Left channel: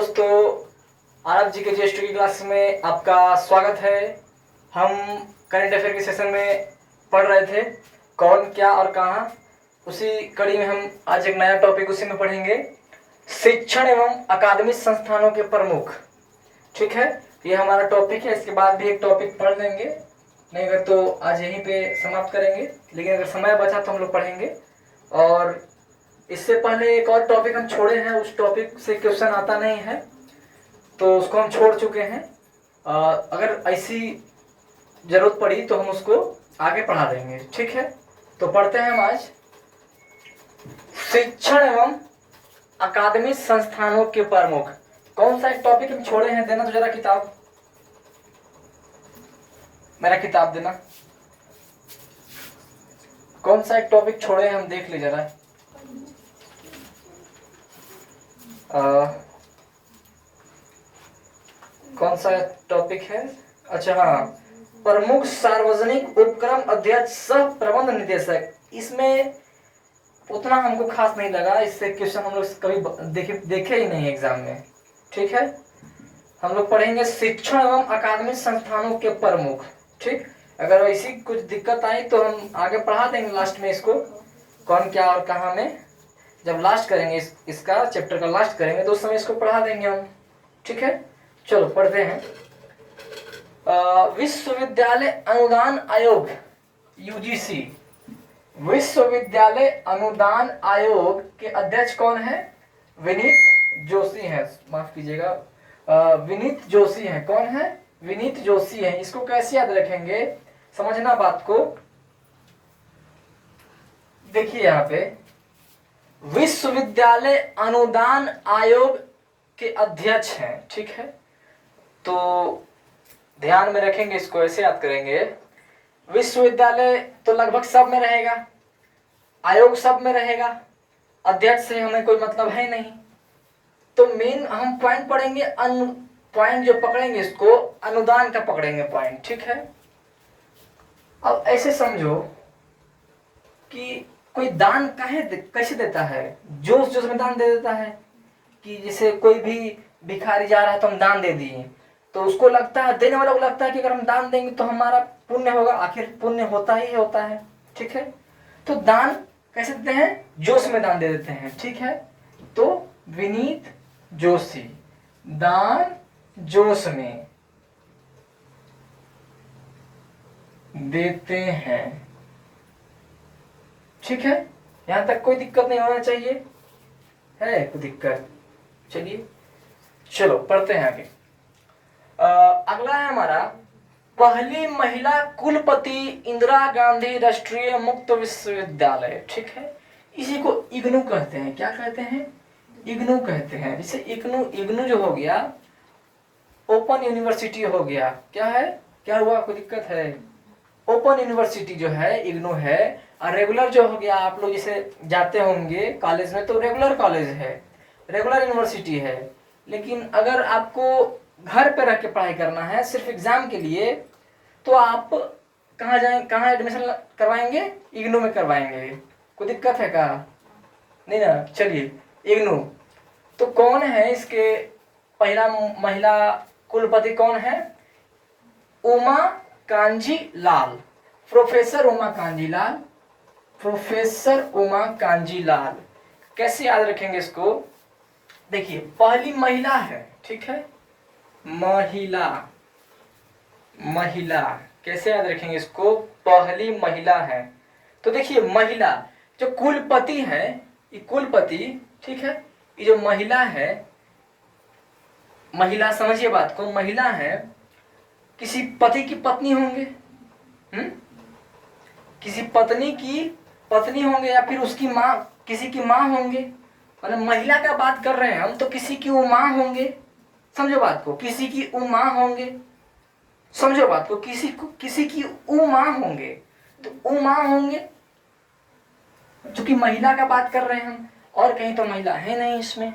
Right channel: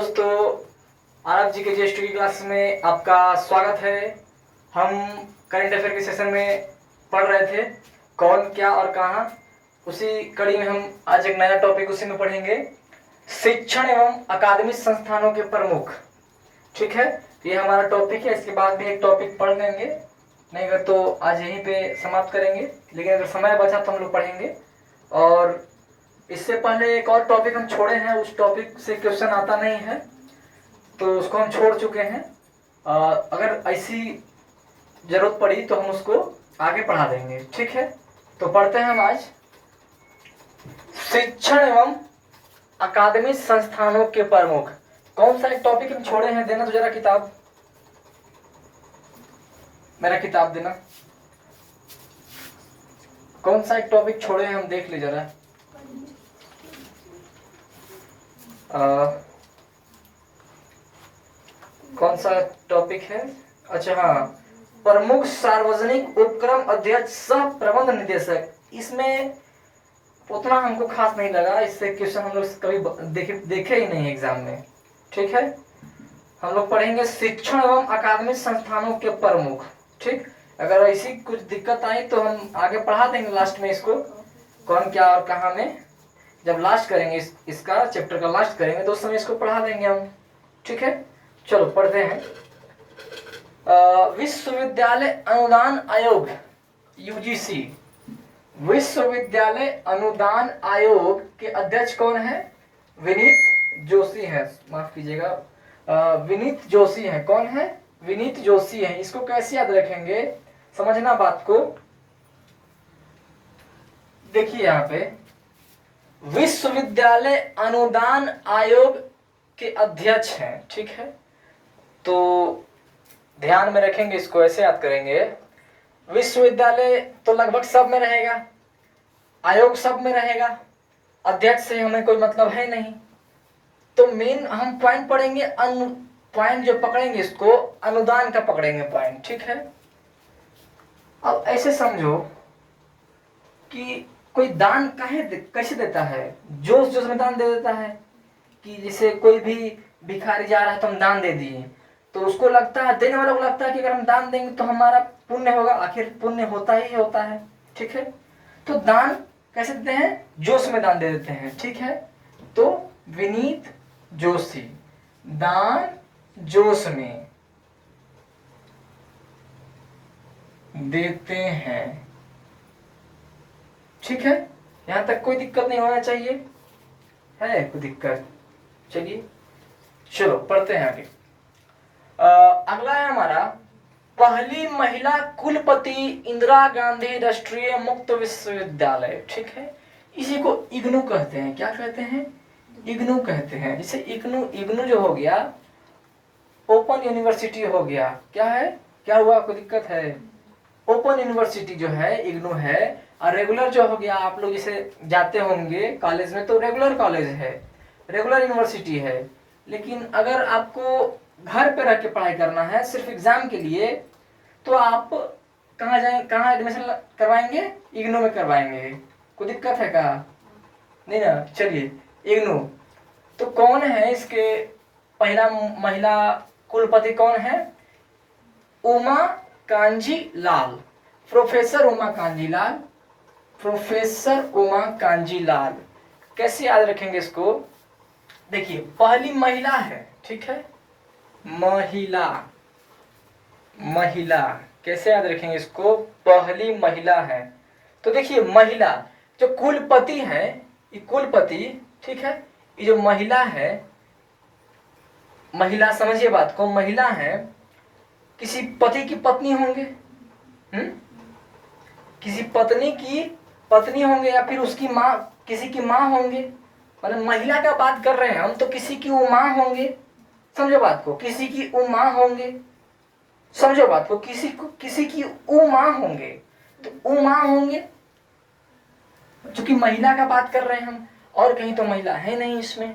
दोस्तों, आरब जी के जीएसटी की क्लास में आपका स्वागत है। हम करंट अफेयर के सेशन में पढ़ रहे थे कौन क्या और कहाँ। उसी कड़ी में हम आज एक नया टॉपिक उसी में पढ़ेंगे, शिक्षण एवं अकादमिक संस्थानों के प्रमुख। ठीक है, ये हमारा टॉपिक है। इसके बाद भी एक टॉपिक पढ़ लेंगे, नहीं अगर तो आज यहीं पे समाप्त करेंगे, लेकिन अगर समय बचा तो हम लोग पढ़ेंगे। और इससे पहले एक और टॉपिक हम छोड़े हैं, उस टॉपिक से क्वेश्चन आता नहीं है तो उसको हम छोड़ चुके हैं। अगर ऐसी जरूरत पड़ी तो हम उसको आगे पढ़ा देंगे। ठीक है, तो पढ़ते हैं हम आज शिक्षण एवं अकादमिक संस्थानों के प्रमुख। कौन सा एक टॉपिक हम छोड़े हैं? देना तो जरा किताब, मेरा किताब देना। कौन सा एक टॉपिक छोड़े हैं हम देख ली जरा। कौन सा टॉपिक है? अच्छा हाँ, प्रमुख सार्वजनिक उपक्रम अध्यक्ष सह प्रबंध निदेशक। इसमें उतना हमको खास नहीं लगा, इससे क्वेश्चन हम लोग कभी देखे ही नहीं एग्जाम में। ठीक है, हम लोग पढ़ेंगे शिक्षण एवं अकादमिक संस्थानों के प्रमुख। ठीक, अगर ऐसी कुछ दिक्कत आई तो हम आगे पढ़ा देंगे लास्ट में इसको, कौन क्या और कहाँ में। जब लास्ट करेंगे इसका चैप्टर का लास्ट करेंगे तो उस समय इसको पढ़ा देंगे हम। ठीक है, चलो पढ़ते हैं। विश्वविद्यालय अनुदान आयोग यूजीसी, विश्वविद्यालय अनुदान आयोग के अध्यक्ष कौन है? विनीत जोशी है, माफ कीजिएगा, विनीत जोशी है। कौन है? विनीत जोशी है। इसको कैसे याद रखेंगे, समझना बात को। देखिए यहाँ पे विश्वविद्यालय अनुदान आयोग के अध्यक्ष हैं। ठीक है, तो ध्यान में रखेंगे, इसको ऐसे याद करेंगे। विश्वविद्यालय तो लगभग सब में रहेगा, आयोग सब में रहेगा, अध्यक्ष से हमें कोई मतलब है नहीं। तो मेन हम पॉइंट पढ़ेंगे, पॉइंट जो पकड़ेंगे इसको अनुदान का पकड़ेंगे पॉइंट। ठीक है, अब ऐसे समझो कि कोई दान कैसे देता है? जोश जोश में दान दे देता है कि जैसे कोई भी भिखारी जा रहा है तो हम दान दे दिए, तो उसको लगता है, देने वाले को लगता है कि अगर हम दान देंगे तो हमारा पुण्य होगा। आखिर पुण्य होता ही होता है। ठीक है, तो दान कैसे देते हैं? जोश में दान दे देते हैं। ठीक है, तो विनीत जोशी दान जोश में देते हैं। ठीक है, यहां तक कोई दिक्कत नहीं होना चाहिए। है कोई दिक्कत? चलिए चलो पढ़ते हैं आगे। अगला है हमारा, पहली महिला कुलपति इंदिरा गांधी राष्ट्रीय मुक्त विश्वविद्यालय। ठीक है, इसी को इग्नू कहते हैं। क्या कहते हैं? इग्नू कहते हैं। जैसे इग्नू जो हो गया ओपन यूनिवर्सिटी हो गया। क्या है? क्या हुआ, कोई दिक्कत है? ओपन यूनिवर्सिटी जो है इग्नू है। और रेगुलर जो हो गया, आप लोग जैसे जाते होंगे कॉलेज में तो रेगुलर कॉलेज है, रेगुलर यूनिवर्सिटी है। लेकिन अगर आपको घर पे रह के पढ़ाई करना है सिर्फ एग्जाम के लिए, तो आप कहाँ एडमिशन करवाएंगे? इग्नू में करवाएंगे। कोई दिक्कत है क्या? नहीं ना। चलिए, इग्नू। तो कौन है इसके पहला महिला कुलपति? कौन है? उमा कांजी लाल, प्रोफेसर उमा कांजी लाल, प्रोफेसर उमा कांजी लाल। कैसे याद रखेंगे इसको? देखिए, पहली महिला है। ठीक है, महिला, महिला कैसे याद रखेंगे इसको? पहली महिला है। तो देखिए, महिला जो कुलपति है, ये कुलपति, ठीक है, ये जो महिला है, महिला समझिए बात को, महिला है, किसी पति की पत्नी होंगे, किसी पत्नी की पत्नी होंगे, या फिर उसकी माँ, किसी की माँ होंगे। मतलब महिला का बात कर रहे हैं हम, तो किसी की उमा होंगे। समझो बात को, किसी की उमा होंगे। समझो बात को, किसी की उमा होंगे, तो उमा होंगे, क्योंकि महिला का बात कर रहे हैं हम। और कहीं तो महिला है नहीं, इसमें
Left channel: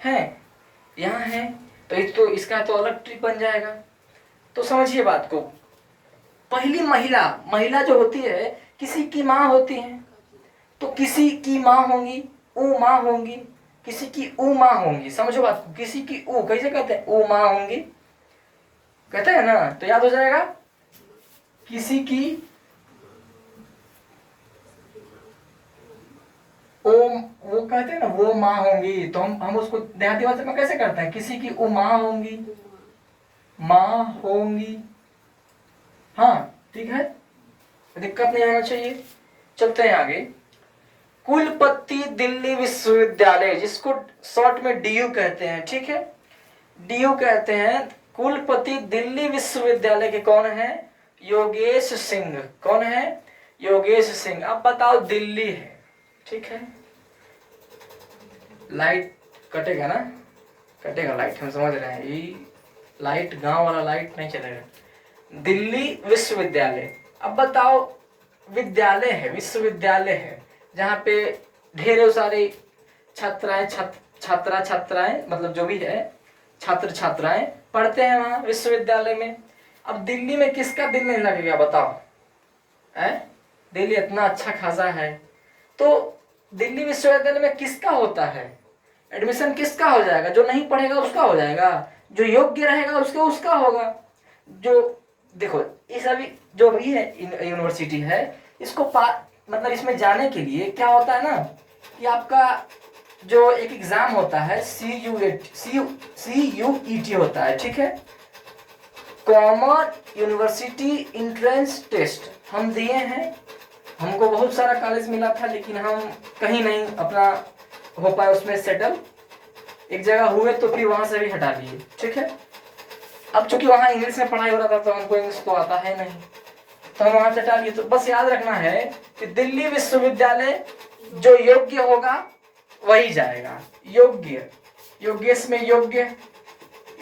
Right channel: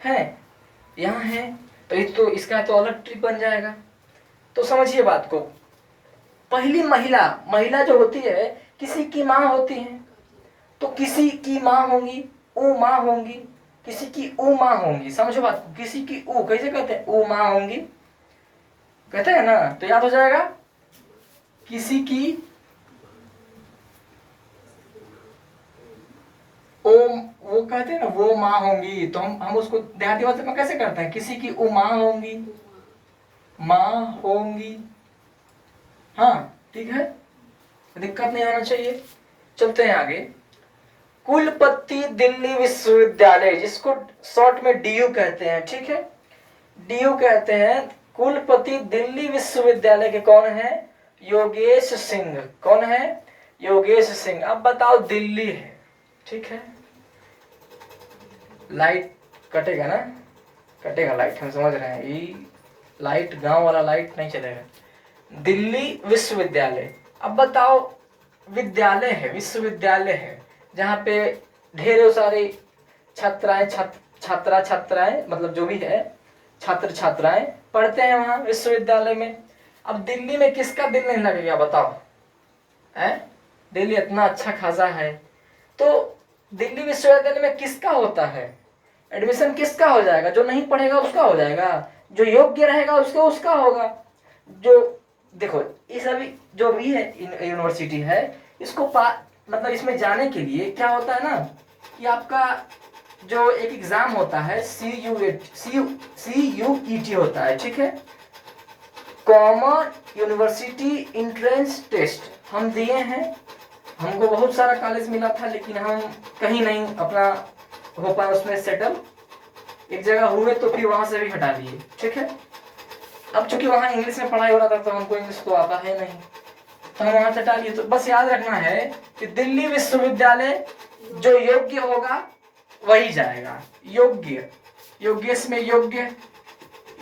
है, यहाँ है, तो इसका तो अलग ट्रिप बन जाएगा। तो समझिए बात को, पहली महिला, महिला जो होती है किसी की माँ होती है, तो किसी की माँ होंगी, उमा होंगी। किसी की ऊ माँ होंगी, समझो बात को, किसी की ऊ कैसे कहते हैं, ऊ माँ होंगी कहते हैं ना, तो याद हो जाएगा किसी की ओ, वो कहते हैं ना वो माँ होंगी, तो हम उसको देहाती भाषा में कैसे करते हैं, किसी की ऊ माँ होंगी, माँ होंगी। हाँ ठीक है, दिक्कत नहीं होना चाहिए। चलते हैं आगे। कुलपति दिल्ली विश्वविद्यालय, जिसको शॉर्ट में डीयू कहते हैं, ठीक है, डीयू कहते हैं। कुलपति दिल्ली विश्वविद्यालय के कौन है, योगेश सिंह। कौन है, योगेश सिंह। अब बताओ दिल्ली है, ठीक है, लाइट कटेगा ना, कटेगा लाइट, हम समझ रहे हैं, ये लाइट गांव वाला लाइट नहीं चलेगा। दिल्ली विश्वविद्यालय, अब बताओ विद्यालय है, विश्वविद्यालय है जहाँ पे ढेरों सारे छात्राएं छात्राएं मतलब जो भी है छात्र छात्राएं पढ़ते हैं वहां विश्वविद्यालय में। अब दिल्ली में किसका दिल नहीं लगेगा बताओ, है, दिल्ली इतना अच्छा खासा है, तो दिल्ली विश्वविद्यालय में किसका होता है एडमिशन, किसका हो जाएगा, जो नहीं पढ़ेगा उसका हो जाएगा, जो योग्य रहेगा उसका होगा। जो देखो ये सभी जो भी है यूनिवर्सिटी है, इसको मतलब इसमें जाने के लिए क्या होता है ना कि आपका जो एक एग्जाम होता है CUET होता है, ठीक है, कॉमन यूनिवर्सिटी इंट्रेंस टेस्ट हम दिए हैं। हमको बहुत सारा कॉलेज मिला था लेकिन हम कहीं नहीं अपना हो पाए उसमें सेटल, एक जगह हुए तो फिर वहां से भी हटा लिए, ठीक है। अब चूंकि वहां इंग्लिश में पढ़ाई हो रहा था तो हमको इंग्लिश तो आता है नहीं, तो हम वहां से हटा लिए। तो बस याद रखना है कि दिल्ली विश्वविद्यालय जो योग्य होगा वही जाएगा, योग्य, योग्यस में योग्य,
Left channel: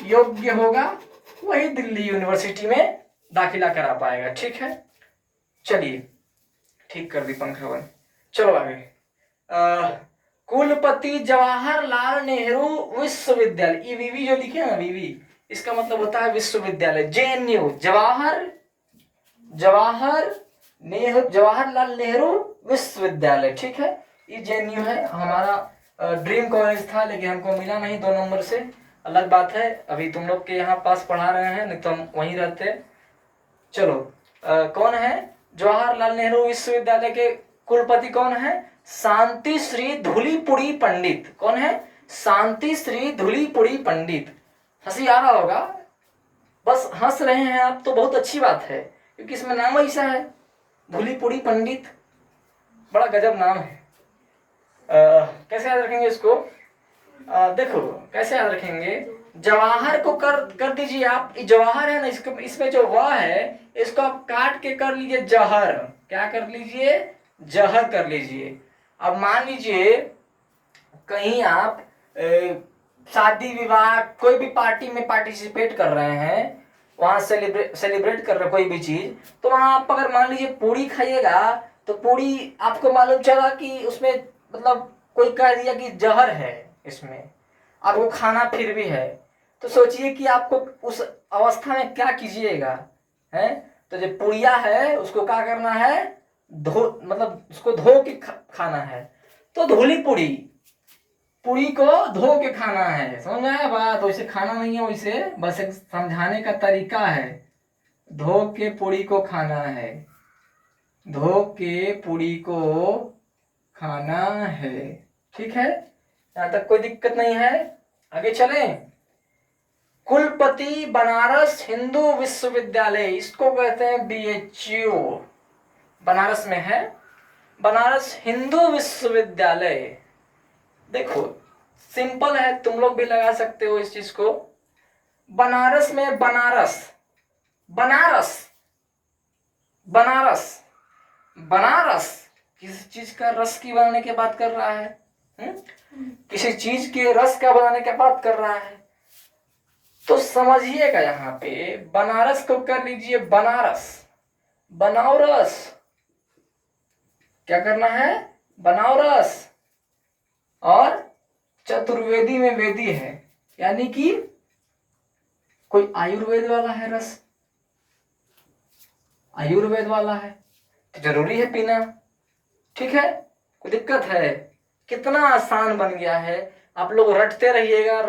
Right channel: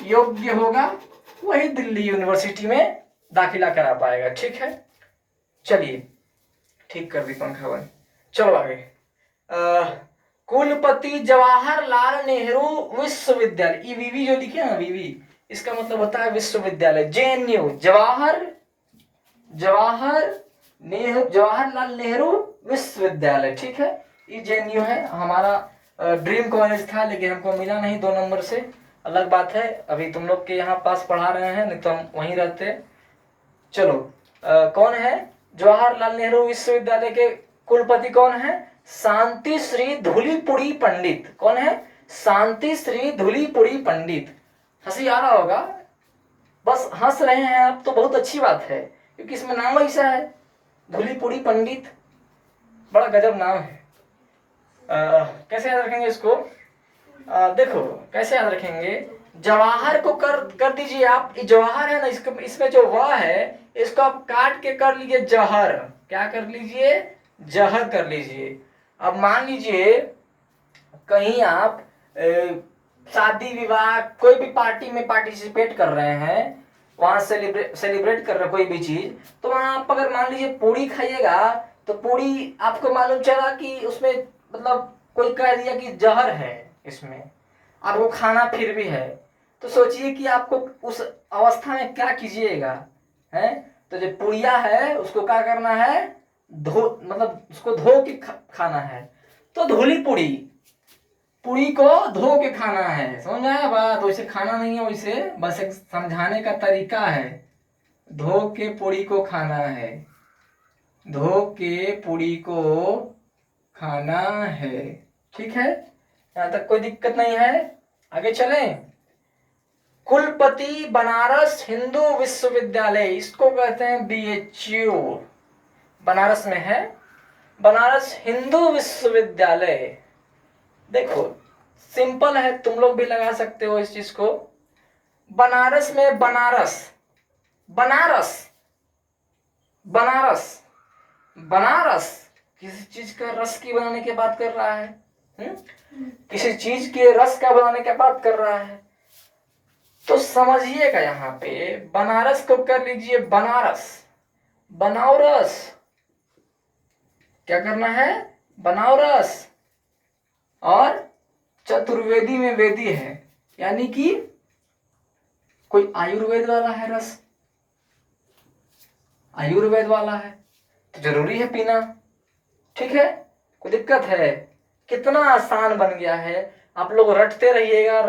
योग्य होगा वही दिल्ली यूनिवर्सिटी में दाखिला करा पाएगा, ठीक है। चलिए ठीक कर दी पंखा बंद, चलो आगे। कुलपति जवाहरलाल नेहरू विश्वविद्यालय, ये वीवी जो लिखे ना वीवी, इसका मतलब होता है विश्वविद्यालय। JNU जवाहरलाल नेहरू विश्वविद्यालय, ठीक है, ये JNU है। हमारा ड्रीम कॉलेज था लेकिन हमको मिला नहीं 2 नंबर से, अलग बात है। अभी तुम लोग के यहाँ पास पढ़ा रहे हैं, नहीं तो हम वहीं रहते। चलो कौन है जवाहरलाल नेहरू विश्वविद्यालय के कुलपति, कौन है, शांति श्री धूलीपुड़ी पंडित। कौन है, शांति श्री धूलीपुड़ी पंडित। हंसी आ रहा होगा, बस हंस रहे हैं आप तो बहुत अच्छी बात है, क्योंकि इसमें नाम ऐसा है धूलीपुड़ी पंडित, बड़ा गजब नाम है। कैसे याद रखेंगे इसको, देखो कैसे याद रखेंगे, जवाहर को कर दीजिए आप, जवाहर है ना, इसको इसमें जो वाह है इसको आप काट के कर लीजिए जहर, क्या कर लीजिए, जहर कर लीजिए। अब मान लीजिए कहीं आप शादी विवाह कोई भी पार्टी में पार्टिसिपेट कर रहे हैं, वहां सेलिब्रेट कर रहे हैं कोई भी चीज, तो वहां आप अगर मान लीजिए पूरी खाइएगा तो पूरी आपको मालूम चला कि उसमें मतलब कोई कह दिया कि जहर है इसमें, आपको खाना फिर भी है, तो सोचिए कि आपको उस अवस्था में क्या कीजिएगा, है। तो जो पुड़िया है उसको क्या करना है, धो मतलब उसको धो के खाना है, तो धुली पुड़ी, पुड़ी को धो के खाना है, समझ में आया बात। वैसे खाना नहीं है, वैसे बस एक समझाने का तरीका है, धो के पुड़ी को खाना है, धो के पुड़ी को खाना है, ठीक है, यहां तक कोई दिक्कत नहीं है। आगे चलें। कुलपति बनारस हिंदू विश्वविद्यालय, इसको कहते हैं BHU, बनारस में है, बनारस हिंदू विश्वविद्यालय। देखो सिंपल है, तुम लोग भी लगा सकते हो इस चीज को। बनारस में बनारस, बनारस, बनारस, बनारस किसी चीज का रस की बनाने की बात कर रहा है, किसी चीज के रस का बनाने की बात कर रहा है, तो समझिएगा यहां पे बनारस को कर लीजिए बनारस, बनारस, क्या करना है, बनारस। और चतुर्वेदी में वेदी है, यानी कि कोई आयुर्वेद वाला है रस, आयुर्वेद वाला है तो जरूरी है पीना, ठीक है, कोई दिक्कत है, कितना आसान बन गया है। आप लोग रटते रहिएगा,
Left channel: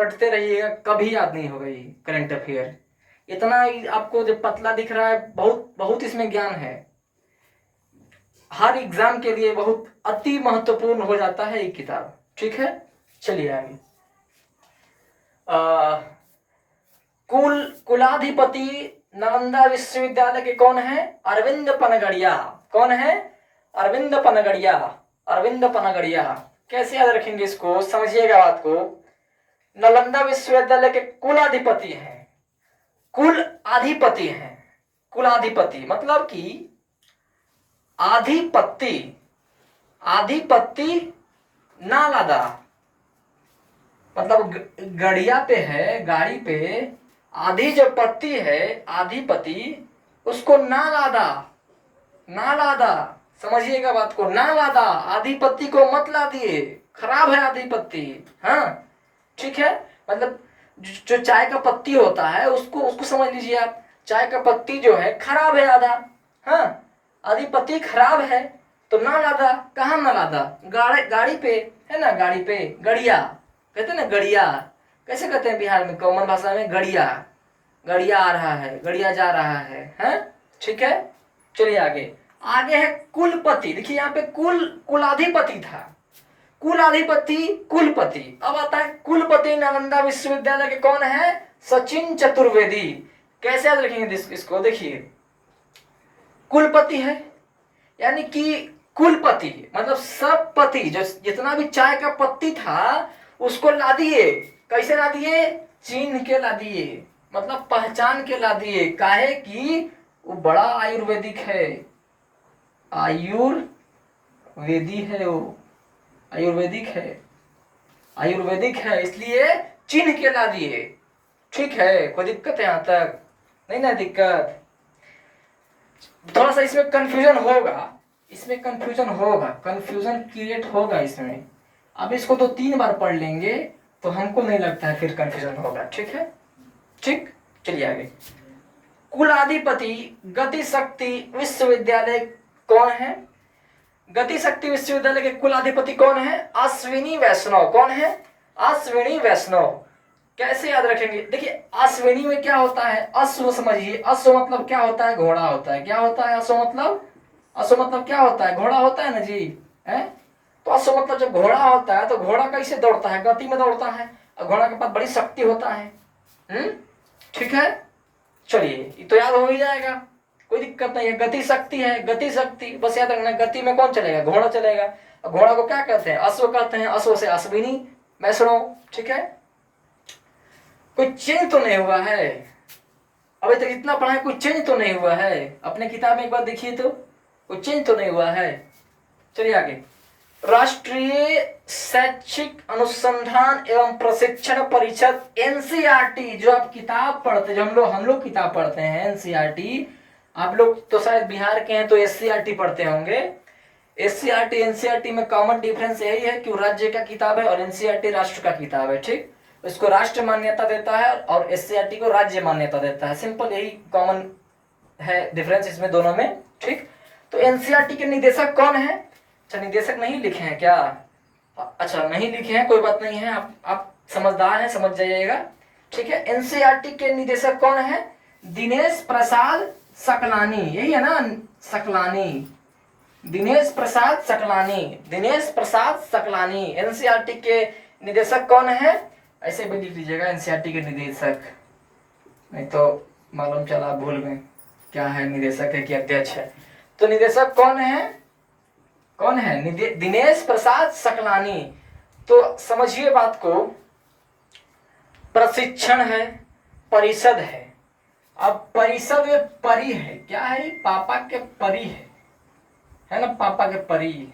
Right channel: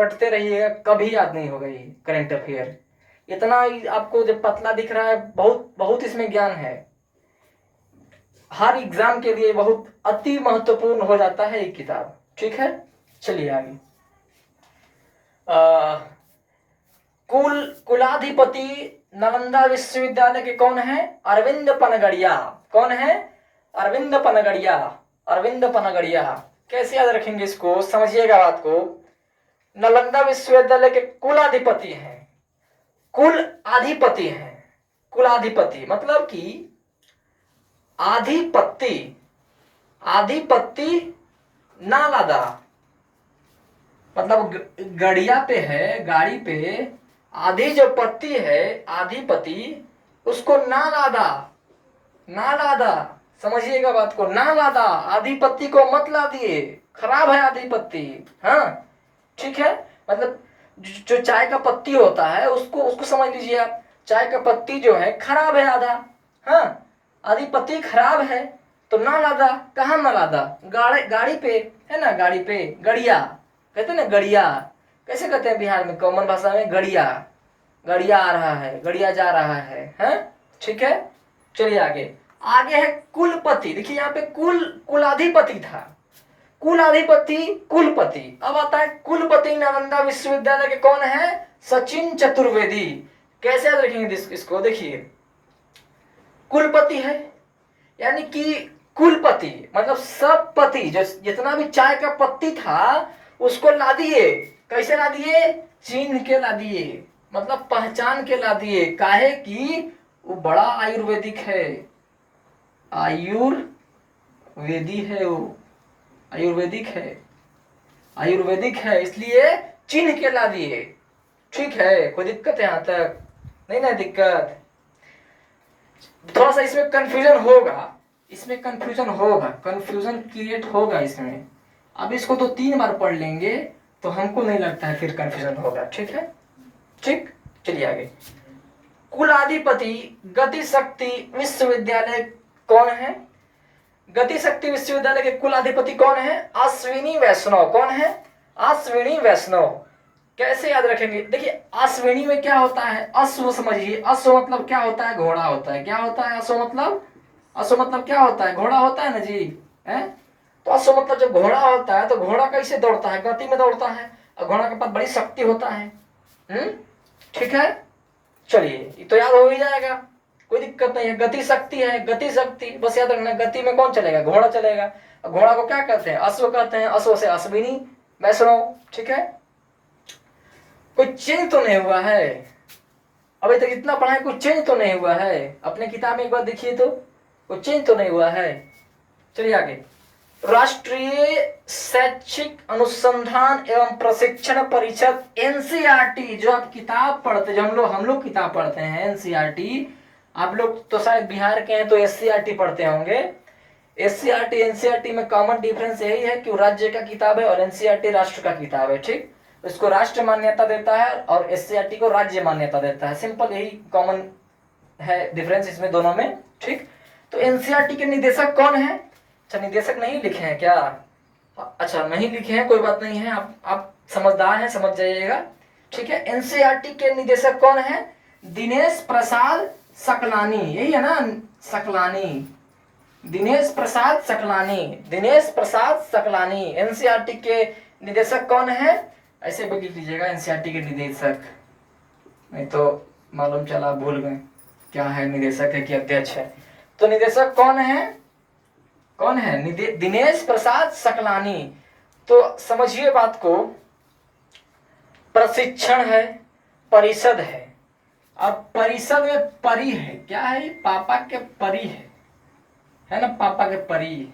कभी याद नहीं होगा ये करंट अफेयर। इतना ही आपको जो पतला दिख रहा है, बहुत बहुत इसमें ज्ञान है। हर एग्जाम के लिए बहुत अति महत्वपूर्ण हो जाता है ये किताब। ठीक है, चलिए आगे। कुलाधिपति नालंदा विश्वविद्यालय के कौन है? अरविंद पनगड़िया। कौन है? अरविंद पनगड़िया। अरविंद पनगड़िया। कैसे याद रखेंगे इसको, समझिएगा बात को। नालंदा विश्वविद्यालय के कुलाधिपति हैं, कुलाधिपति हैं। कुलाधिपति मतलब कि आधिपत्य, आधिपत्य नालंदा मतलब गड़िया पे है, गाड़ी पे आधी जो पत्ती है, आधिपति, उसको नालंदा, नालंदा, समझिएगा बात को, नालंदा। आधिपत्य को मत ला दिए, खराब है आधिपत्य। हाँ ठीक है, मतलब जो चाय का पत्ती होता है उसको समझ लीजिए आप। चाय का पत्ती जो है खराब है आधा। हाँ, आधिपत्य खराब है तो नालंदा। कहाँ नालंदा? गाड़ी पे है ना, गाड़ी पे गड़िया कहते हैं ना, गड़िया कैसे कहते हैं बिहार में, कॉमन भाषा में गड़िया। गड़िया आ रहा है, गड़िया जा रहा है, हैं? ठीक है, चलिए आगे। आगे है कुलपति। देखिए यहाँ पे कुलाधिपति था, कुलाधिपति, कुलपति। अब आता है कुलपति नालंदा विश्वविद्यालय के कौन है? सचिन चतुर्वेदी। कैसे याद रखेंगे इसको? देखिए कुलपति है, यानी कि कुलपति मतलब सब पति, जो जितना भी चाय का पत्ती था उसको ला दिए। कैसे ला दिए? चिन्ह के ला दिए, मतलब पहचान के ला दिए। काहे कि वो बड़ा आयुर्वेदिक है, आयुर्वेदी है वो, आयुर्वेदिक है, आयुर्वेदिक है, इसलिए चिन्ह के ला दिए। ठीक है, कोई दिक्कत है यहाँ तक? नहीं ना दिक्कत? थोड़ा सा इसमें कंफ्यूजन होगा, इसमें कंफ्यूजन होगा, कंफ्यूजन क्रिएट होगा इसमें। अब इसको तो 3 बार पढ़ लेंगे तो हमको नहीं लगता है फिर कंफ्यूजन होगा। ठीक है, ठीक, चलिए आगे। कुलाधिपति गति शक्ति विश्वविद्यालय कौन है? गति शक्ति विश्वविद्यालय के कुलाधिपति कौन है? अश्विनी वैष्णव। कौन है? अश्विनी वैष्णव। कैसे याद रखेंगे? देखिए अश्विनी में क्या होता है? अश्व समझिए, अश्व मतलब क्या होता है? घोड़ा होता है। क्या होता है अश्व मतलब? अश्व मतलब क्या होता है? घोड़ा होता है ना जी, है? तो अश्व मतलब जब घोड़ा होता है तो घोड़ा कैसे दौड़ता है? गति में दौड़ता है, और घोड़ा के पास बड़ी शक्ति होता है। ठीक है, चलिए ये तो याद हो ही जाएगा, कोई दिक्कत नहीं है। गति शक्ति है, गति शक्ति बस याद रखना। गति में कौन चलेगा? घोड़ा चलेगा। घोड़ा को क्या कहते हैं? अश्व कहते हैं। अश्व से अश्विनी वैष्णव। ठीक है, कोई चेंज तो नहीं हुआ है? अभी तक इतना पढ़ा है, कोई चेंज तो नहीं हुआ है? अपने किताब में एक बार देखिए तो, कोई चेंज तो नहीं हुआ है। चलिए आगे। राष्ट्रीय शैक्षिक अनुसंधान एवं प्रशिक्षण परिषद एनसीईआरटी, जो आप किताब पढ़ते, जो हम लोग किताब पढ़ते हैं एनसीईआरटी, आप लोग तो शायद बिहार के हैं तो एससीईआरटी पढ़ते होंगे। एससीईआरटी एनसीईआरटी में कॉमन डिफरेंस यही है कि वो राज्य का किताब है और एनसीईआरटी राष्ट्र का किताब है। ठीक, इसको राष्ट्र मान्यता देता है और एससीईआरटी को राज्य मान्यता देता है। सिंपल यही कॉमन है डिफरेंस इसमें दोनों में। ठीक, तो एनसीईआरटी के निदेशक कौन है? अच्छा, निदेशक नहीं लिखे हैं क्या? अच्छा नहीं लिखे हैं, कोई बात नहीं है, आप समझदार हैं, समझ जाइएगा। ठीक है, एनसीईआरटी के निदेशक कौन है? दिनेश प्रसाद सकलानी। यही है ना, सकलानी, दिनेश प्रसाद सकलानी, दिनेश प्रसाद सकलानी एनसीईआरटी के निदेशक कौन है? ऐसे भी लिख लीजिएगा, एनसीईआरटी के निदेशक, नहीं तो मालूम चला भूल गए क्या है, निदेशक है कि अध्यक्ष है। तो निदेशक कौन है? कौन है? दिनेश प्रसाद सकलानी। तो समझिए बात को, प्रशिक्षण है, परिषद है। अब परिषद में परी है, क्या है? पापा के परी है ना, पापा के परी।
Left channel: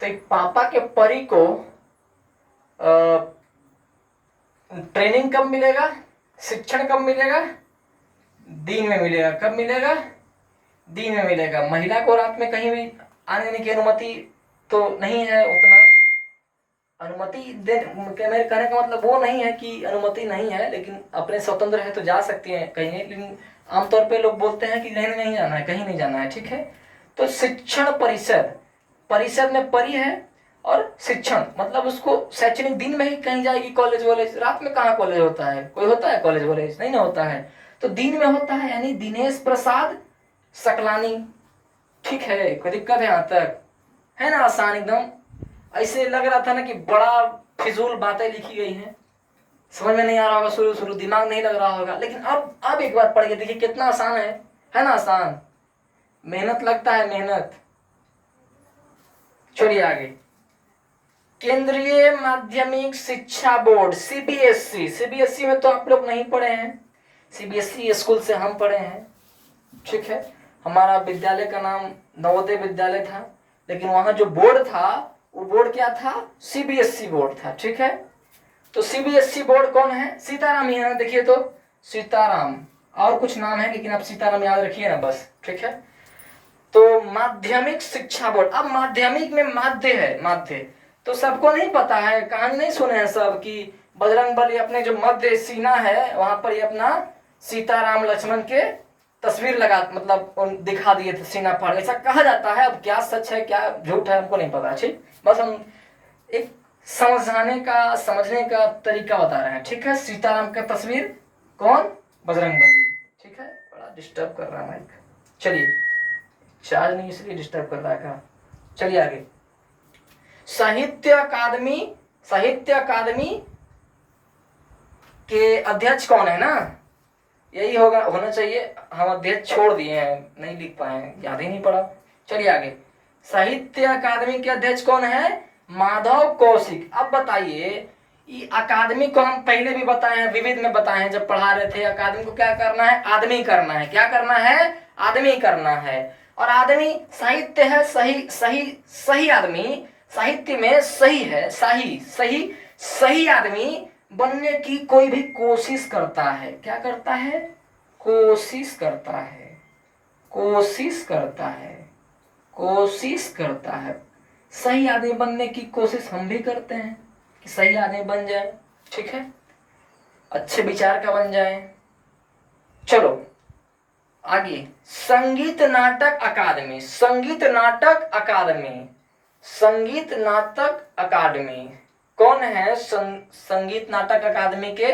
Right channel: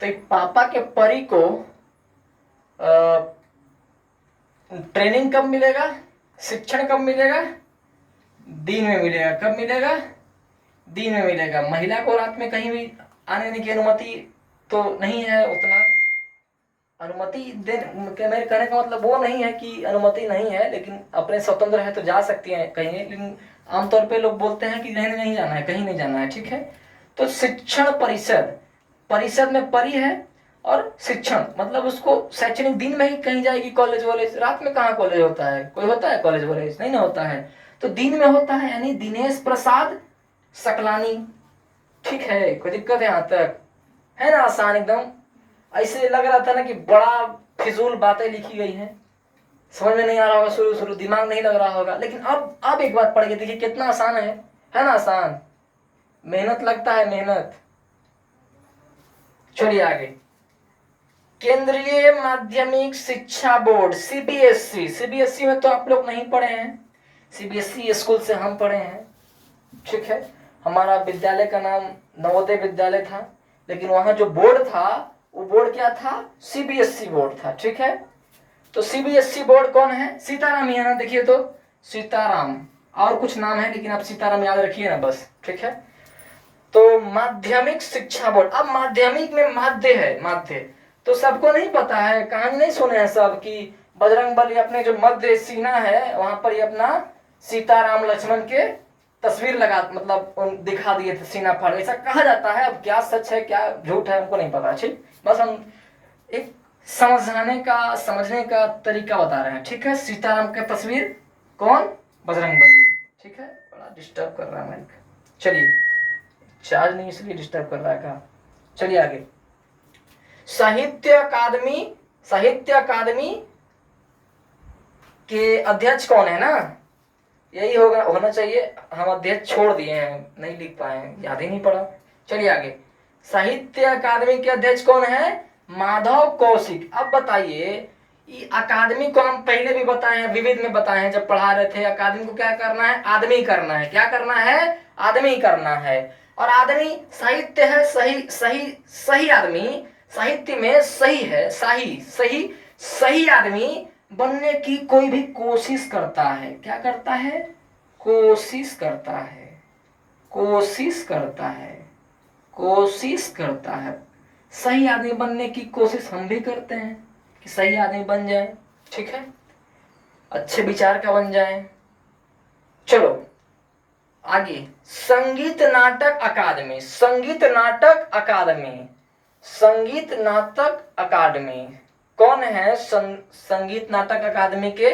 तो एक पापा के परी को ट्रेनिंग कब मिलेगा? शिक्षण कब मिलेगा? दिन में मिलेगा। कब मिलेगा? दिन में मिलेगा। महिला को रात में कहीं भी आने जाने की अनुमति तो नहीं है, उतना अनुमति मेरे कहने का मतलब वो नहीं है कि अनुमति नहीं है, लेकिन अपने स्वतंत्र है तो जा सकती है कहीं, लेकिन आमतौर पे लोग बोलते हैं कि नहीं जाना है, कहीं नहीं जाना है। ठीक है, तो शिक्षण परिषद, परिषद में परी है और शिक्षण मतलब उसको शैक्षणिक दिन में ही कहीं जाएगी कॉलेज वॉलेज, रात में कहाँ कॉलेज होता है, कोई होता है कॉलेज वॉलेज, नहीं ना होता है, तो दिन में होता है, यानी दिनेश प्रसाद सकलानी। ठीक है, कोई दिक्कत है यहाँ तक, है ना आसान एकदम। ऐसे लग रहा था ना कि बड़ा फिजूल बातें लिखी गई हैं, समझ में नहीं आ रहा होगा, शुरू शुरू दिमाग नहीं लग रहा होगा, लेकिन अब एक बार पढ़ के देखिए कितना आसान है ना आसान, मेहनत लगता है मेहनत। चलिए आगे, केंद्रीय माध्यमिक शिक्षा बोर्ड सीबीएसई, सीबीएसई में तो आप लोग नहीं पढ़े हैं, सीबीएसई स्कूल से हम पढ़े हैं। ठीक है, हमारा विद्यालय का नाम नवोदय विद्यालय था, लेकिन वहां जो बोर्ड था वो बोर्ड क्या था, सीबीएसई बोर्ड था। ठीक है, तो सीबीएसई बोर्ड कौन है, सीताराम ही है ना, देखिए तो सीताराम, और कुछ नाम है लेकिन आप सीताराम याद रखिए ना बस। ठीक है, तो माध्यमिक शिक्षा बोर्ड, अब माध्यमिक में माध्य है, माध्य तो सबको नहीं पता है, कहानी नहीं सुने हैं सब कि बजरंगबली अपने जो मध्य सीना है वहां पर ये अपना सीताराम लक्ष्मण के तस्वीर लगा, मतलब दिखा दिए थे सीना पर, ऐसा कहा जाता है। अब क्या सच है क्या झूठ है हमको नहीं पता, ठीक, बस हम एक समझाने का समझने का तरीका बता रहे हैं। ठीक है, सीताराम का तस्वीर कौन, बजरंगबली। ठीक है, बड़ा डिस्टर्ब कर रहा है माइक, चलिए चार्ज नहीं इसलिए डिस्टर्ब कर रहा है। चलिए आगे, साहित्य अकादमी, साहित्य अकादमी के अध्यक्ष कौन है ना, यही होना चाहिए, हम अध्यक्ष छोड़ दिए हैं, नहीं लिख पाए, याद ही नहीं पड़ा। चलिए आगे, साहित्य अकादमी के अध्यक्ष कौन है, माधव कौशिक। अब बताइए, ये अकादमी को हम पहले भी बताए हैं, विविध में बताए हैं जब पढ़ा रहे थे, अकादमी को क्या करना है, आदमी करना है, क्या करना है, आदमी करना है। और आदमी साहित्य है, सही सही सही आदमी साहित्य में सही है, सही सही सही आदमी बनने की कोई भी कोशिश करता है, क्या करता है, कोशिश करता है, कोशिश करता है, कोशिश करता है। सही आदमी बनने की कोशिश हम भी करते हैं कि सही आदमी बन जाए, ठीक है, अच्छे विचार का बन जाए। चलो आगे, संगीत नाटक अकादमी, संगीत नाटक अकादमी, संगीत नाटक अकादमी कौन है, संगीत नाटक अकादमी के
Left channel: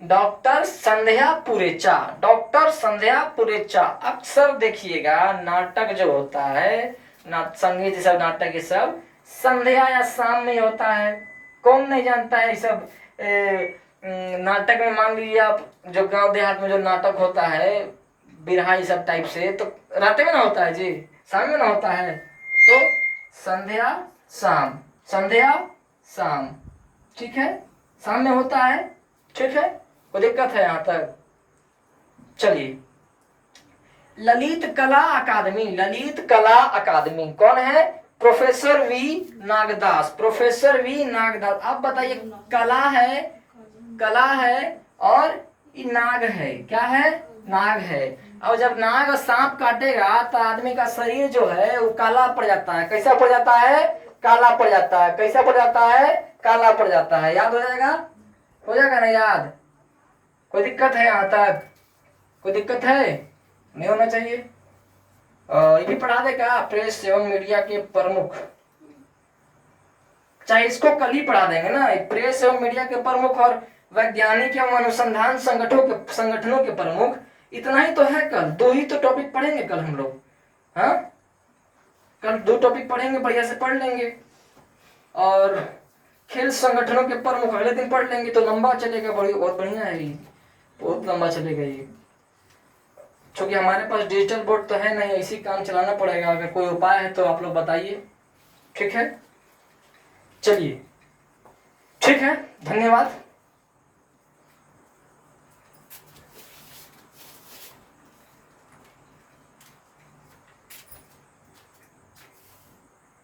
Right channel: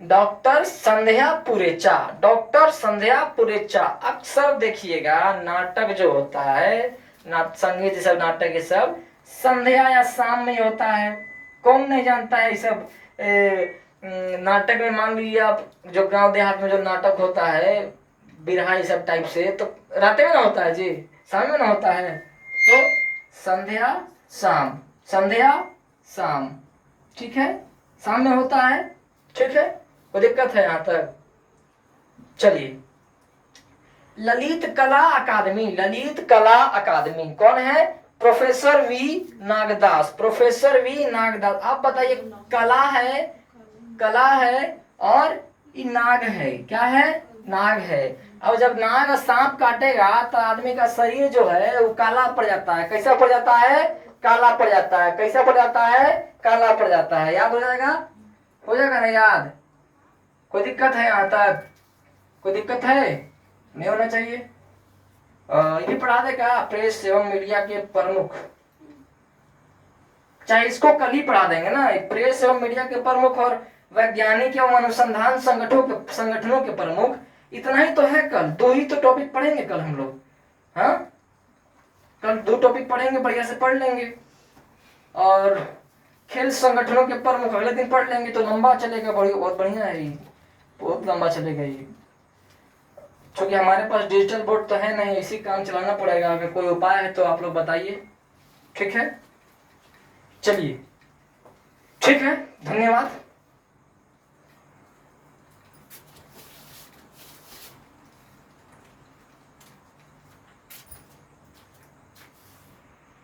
डॉक्टर संध्या पुरेचा, डॉक्टर संध्या पुरेचा। अक्सर देखिएगा नाटक जो होता है, संगीत सब नाटक ये सब संध्या या शाम में होता है, कौन नहीं जानता है ये सब। नाटक में मान लीजिए आप, जो गांव देहात में जो नाटक होता है बिरहा ये सब टाइप से, तो रात में ना होता है जी, शाम में ना होता है, तो संध्या शाम, संध्या शाम, ठीक है, शाम में होता है। ठीक है, कोई दिक्कत है यहाँ तक। चलिए, ललित कला अकादमी, ललित कला अकादमी कौन है, professor V Nagdas, professor V Nagdas. आप बताइए, कला है, कला है और ये नाग है, क्या है, नाग है। अब जब नाग सांप काटेगा तो आदमी का शरीर जो है वो काला पड़ जाता है, कैसा पड़ जाता है, काला पड़ जाता है, कैसा पड़ जाता है, काला पड़ जाता है। याद हो जाएगा, हो जाएगा ना याद, कोई दिक्कत है यहाँ तक, कोई दिक्कत है, नहीं होना चाहिए। ये पढ़ा देगा प्रेस एवं मीडिया के प्रमुख, चाहे इसको कल ही पढ़ा देंगे ना, प्रेस एवं मीडिया के प्रमुख और वैज्ञानिक एवं अनुसंधान संगठनों के प्रमुख, इतना ही तो है। कल दो ही तो टॉपिक पढ़ेंगे कल हम लोग, हाँ कल दो टॉपिक पढ़ेंगे, बढ़िया से पढ़ लेंगे। और खेल संगठनों के प्रमुख अगले दिन पढ़ लेंगे, तो लंबा चलेगा, बहुत बढ़िया है, बहुत लंबा चलेगा ये। क्योंकि हमारे पास डिजिटल बोर्ड तो है नहीं, इसी काम चलाना पड़ेगा। अगर कोई उपाय है तो आप लोग बताइए, ठीक है। चलिए ठीक है, धन्यवाद।